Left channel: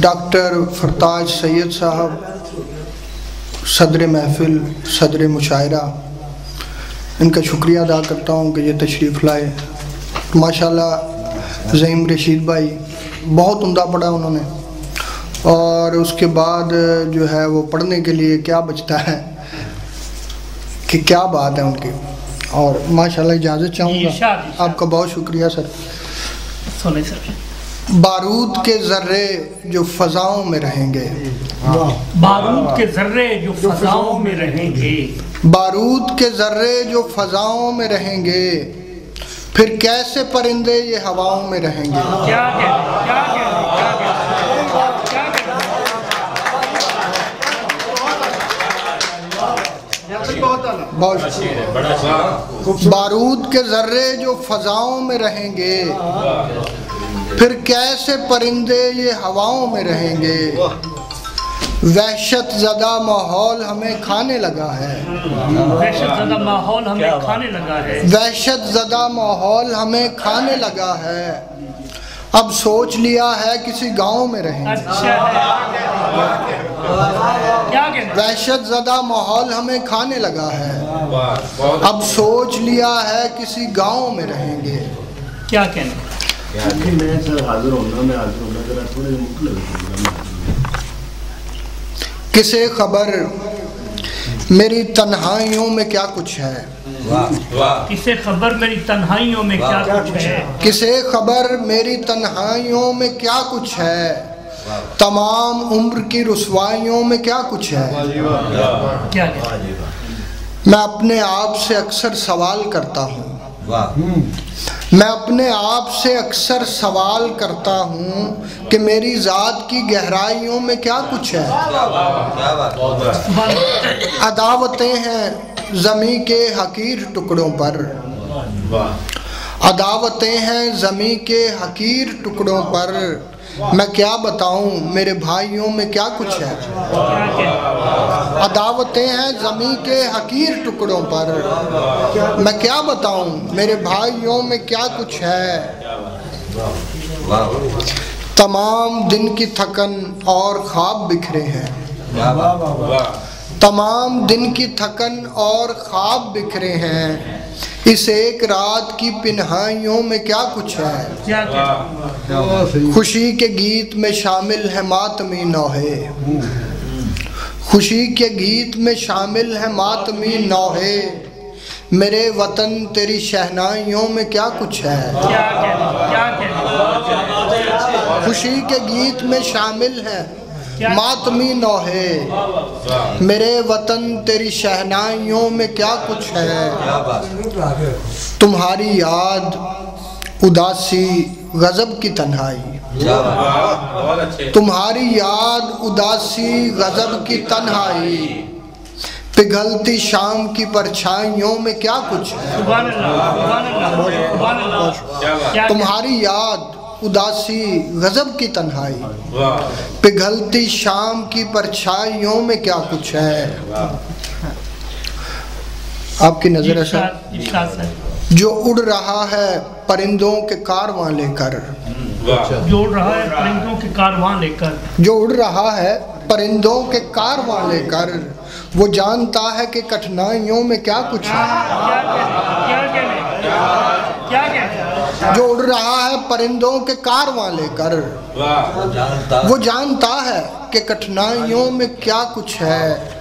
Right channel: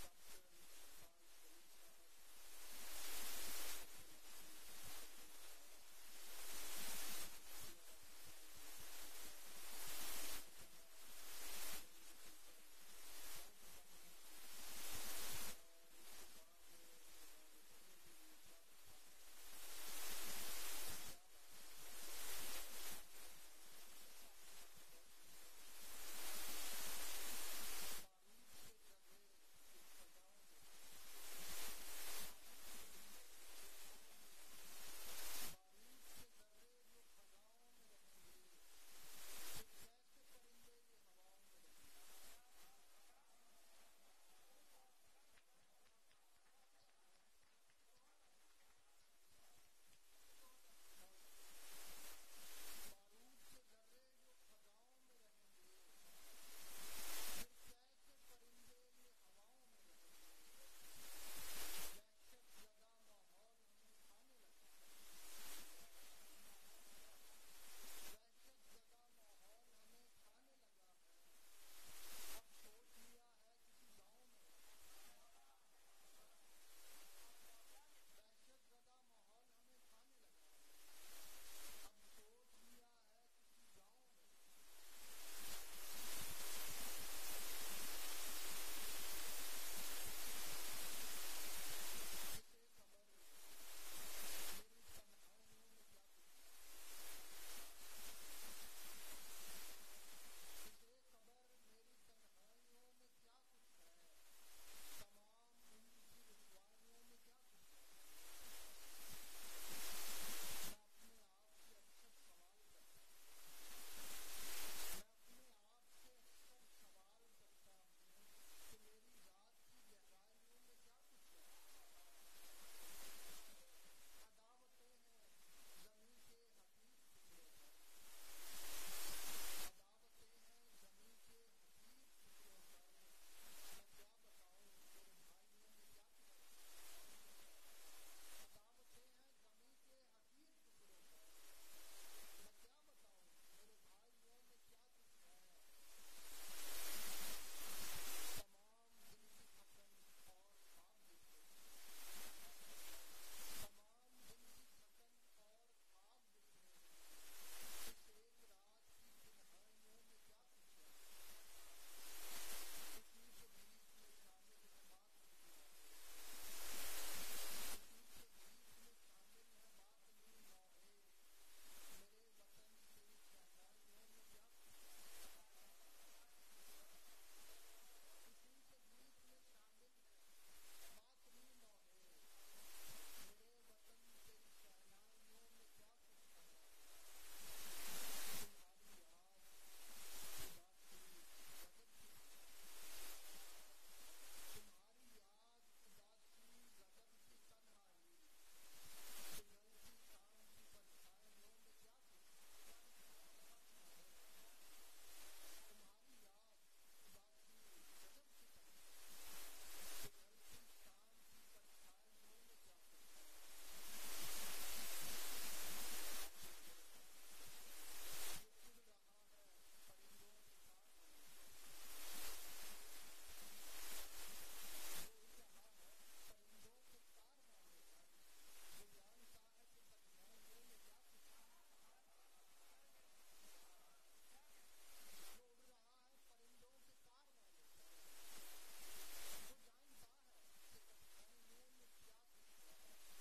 Doctor फरताज Syed साहब, सदर महफिल, सदर मुशायरा, इनका शुक्रिया अदा करता हूँ कि ये तशरीफ़ लाए। माशाल्लाह ज़हीम रशीद भाई बहुत उम्दा पढ़ा उन्होंने, और उसके बाद जो है वो पढ़ने के लिए क्या बचता है कि क्या बात है उनकी। और माशाल्लाह इजाज़त चाहूँगा, आपका बहुत शुक्रिया सर। बारूद के ज़र्रे जो फ़ज़ाओं में रहेंगे, बारूद के ज़र्रे जो फ़ज़ाओं में रहेंगे, बारूद के ज़र्रे जो फ़ज़ाओं में रहेंगे, फिर कैसे परिंदे ये हवाओं में रहेंगे। क्या बारूद के ज़र्रे जो फ़ज़ाओं में रहेंगे, फिर कैसे परिंदे ये हवाओं में रहेंगे। वहशत ज़दा माहौल हमें खाने लगा है, वहशत ज़दा माहौल हमें खाने लगा है, वहशत ज़दा माहौल हमें खाने लगा है। अब सोच लिया है किसी गांव में रहेंगे। अच्छा है, क्या कहना? वहशत ज़दा माहौल हमें खाने लगा है, अब सोच लिया है किसी गांव में रहेंगे। क्या कहना? किसे खबर मेरी तन्हाइयों में क्या कुछ है, किसे खबर मेरी तन्हाइयों में क्या कुछ है, किसे खबर मेरी तन्हाइयों में क्या कुछ है। तमाम उम्र की रुसवाइयों में क्या कुछ है। क्या मैं अपने आप से अक्सर सवाल करता हूँ, मैं अपने आप से अक्सर सवाल करता हूँ कि मेरी ज़ात की गहराइयों में क्या कुछ है। अदावतें हैं ज़मीं के हकीर टुकड़ों पर, अदावतें हैं ज़मीं के हकीर टुकड़ों पर। मैं क्या बताऊँ मेरे भाइयों में क्या कुछ है। अदावतें हैं ज़मीं के हकीर टुकड़ों पर, मैं क्या बताऊँ मेरे भाइयों में क्या कुछ है। तमाम दिन की थकन और ख्वाब बिखरे हैं, तमाम दिन की थकन और ख्वाब बिखरे हैं। इस एक रात की पिन्हाइयों में क्या कुछ है। खुशी के गीत में शामिल है मातमी नौहे, खुशी के गीत में शामिल है मातमी नौहे। मेरे वतन तेरी शहनाइयों में क्या कुछ है। खुशी के गीत में शामिल है मातमी नौहे, मेरे वतन तेरी शहनाइयों में क्या कुछ है। तुम्हारी याद उदासी गज़ब की तन्हाई, तुम्हारी याद उदासी गज़ब की तन्हाई। पिघलती शाम की परछाइयों में क्या कुछ है। तुम्हारी याद उदासी गज़ब की तन्हाई, पिघलती शाम की परछाइयों में क्या कुछ है। आपकी नजर है जो उड़ रहा है परिंदों के कारवां लेकर, जो उड़ रहा है परिंदों के कारवां लेकर, जो उड़ रहा है परिंदों के कारवां लेकर। वो जानता है कि कठिनाइयों में क्या कुछ है। जो उड़ रहा है परिंदों के कारवां लेकर, वो जानता है कि कठिनाइयों में क्या कुछ है।